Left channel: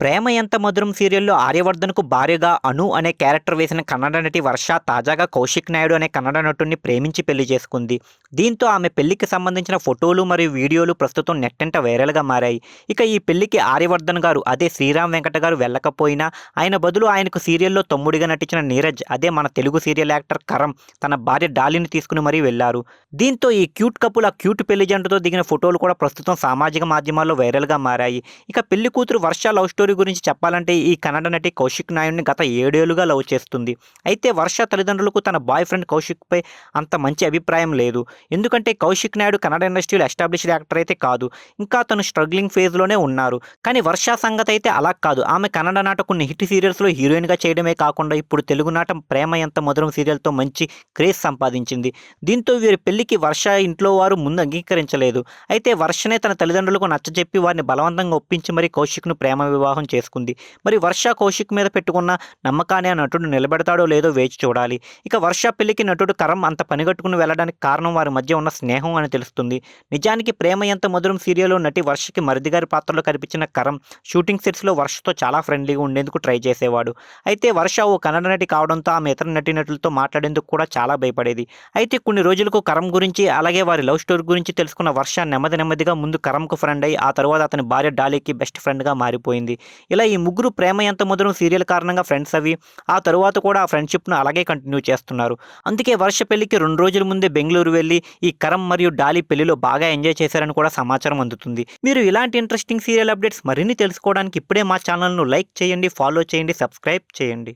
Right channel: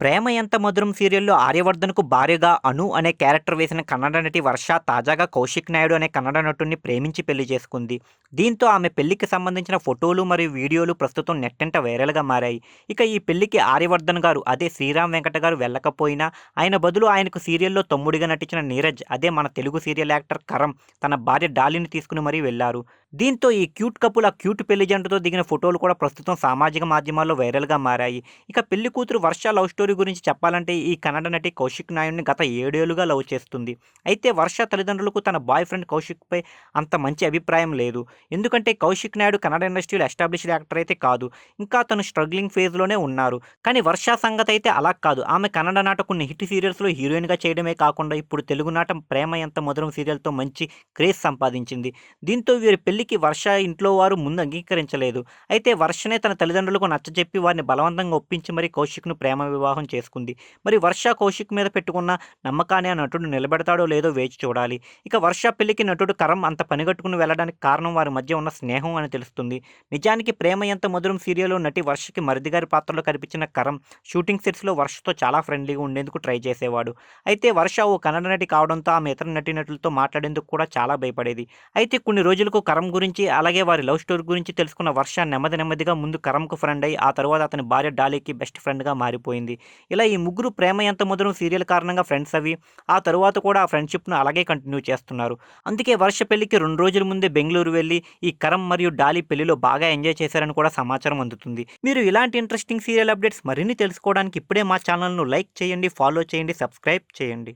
'ప్రేమ ఎంత మధురం' సీరియల్‌లో ఆర్యవర్ధన్‌కు భార్యగా అను అనే క్యారెక్టర్ వేసిన కన్నడ నటి వర్ష తాజాగా కౌశిక్ నాయుడు అనే కన్నడ నటుడిని ప్రేమించి పెళ్ళి చేసుకుంది. దీంతో ఆమె పెళ్ళికి సంబంధించిన ఫోటోలు మరియు వీడియోలు ప్రస్తుతం నెట్టంట వైరల్‌గా మారాయి. ఇక ఈ పెళ్ళికి ఆర్యవర్ధన్ గారు అదే శ్రీరామ్ వెంకట గారు వెళ్ళకపోయినా ఆయన బదులు ఆయనకు సీరియల్‌లో తమ్ముడిగా నటించిన నీరజ్ అదే మన తెలుగు సీరియల్ యాక్టర్ కరం తన భార్య డాలిని తీసుకుని మరీ వెళ్ళారు. దీంతో ఈ క్యూట్ కపుల్ ఆ క్యూట్ పెళ్ళి జంటతో దిగిన ఫోటోలు కూడా ప్రస్తుతం సామాజిక మాధ్యమాల్లో వైరల్‌గా మారాయి. ఇక పెళ్ళి కూతురు వర్ష లవ్ స్టోరీ గురించి చెప్పాలంటే ఈ కన్నడ నటి కౌశిక్ నాయుడిని గత ఏడేళ్ళుగా లవ్ చేస్తుంది. అయితే వర్ష తల్లిదండ్రులకు తన బాయ్ ఫ్రెండ్ కౌశిక్‌పై అంత మంచి అభిప్రాయం లేదు. ఎందుకంటే కౌశిక్ నాయుడు కన్నడ ఇండస్ట్రీలో ఎస్టాబ్లిష్డ్ యాక్టర్ అయితే కాదు. ఇంకా తను స్ట్రగ్లింగ్ ఫేజ్‌లోనే ఉన్నారు. కానీ వర్ష అయితే అలా కాదు. ఆమె కన్నడ నాట కొన్ని హిట్ సీరియల్స్‌లో హీరోయిన్‌గా చేయడమే కాకుండా ఇప్పుడు తెలుగు నాటం 'ప్రేమ ఎంత మధురం' సీరియల్‌తో మంచి క్రేజ్ సంపాదించింది. దీంతో వీరి పెళ్ళికి వర్ష ఇంట్లో వారు ముందు అంగీకరించలేదు. అయితే వర్షనే తన తల్లిదండ్రులకు నచ్చజెప్పి వారిని బలవంతంగా ఒప్పించి మరీ కౌశిక్‌ను ప్రేమ వివాహం చేసుకుంది. మరి వర్ష కౌశిక్ మీద పెట్టుకున్న నమ్మకాన్ని ఆ నటుడు నిలబెడతాడో లేదో వేచి చూడాలి. ఇక వర్ష పెళ్ళికి నటుడు కరం అంత పనిగట్టుకుని వెళ్ళడానికి కారణం వారి మధ్య ఉన్న స్నేహం అని తెలుస్తుంది. నిజానికి 'ప్రేమ ఎంత మధురం' సీరియల్‌లో నటి వర్షకి మరిదిగారి పాత్రలో కనిపించిన కరం షూటింగ్ సెట్స్‌లో వర్షతో చాలా ఫ్రెండ్లీగా ఉండేందుకు ట్రై చేసేవాడు. అయితే వర్ష ఓ కన్నడ నటి కావడంతో ఆమె ఇతర నటీనటులతో మాట్లాడేందుకు కూడా చాలా భయపడేది. అయితే కొన్ని రోజులకు కరం గురించి అలాగే వారి లవ్ స్టోరీ గురించి తెలుసుకున్న వర్ష నెమ్మది నెమ్మదిగా ముందు కరంకు ఫ్రెండ్ అయి ఆ తర్వాత అతని భార్య డాలీకి బెస్ట్ ఫ్రెండ్‌గా మారిపోయింది. ఇలా ఈ ముగ్గురు 'ప్రేమ ఎంత మధురం' సీరియల్ కారణంగా ఫ్రెండ్స్ అవి ఆ తరువాత కూడా ఆ ఫ్రెండ్‌షిప్‌ను అలాగే కంటిన్యూ చేస్తున్నారు. అందుకే వర్ష పెళ్ళికి రెండు రోజుల ముందే బెంగళూరు వెళ్ళి ఈ కరం మరియు డాలీ పెళ్ళిలో బాగా ఎంజాయ్ చేశారని కూడా సమాచారం అందుతుంది. మీరు ఇలాంటి ఇంట్రెస్టింగ్ సీరియల్ అప్డేట్స్ మరిన్ని తెలుసుకోవడానికి ఇప్పుడే మా ఛానల్‌ను లైక్ చేయండి, ఫాలో చేయండి, సబ్స్క్రైబ్ చేయండి.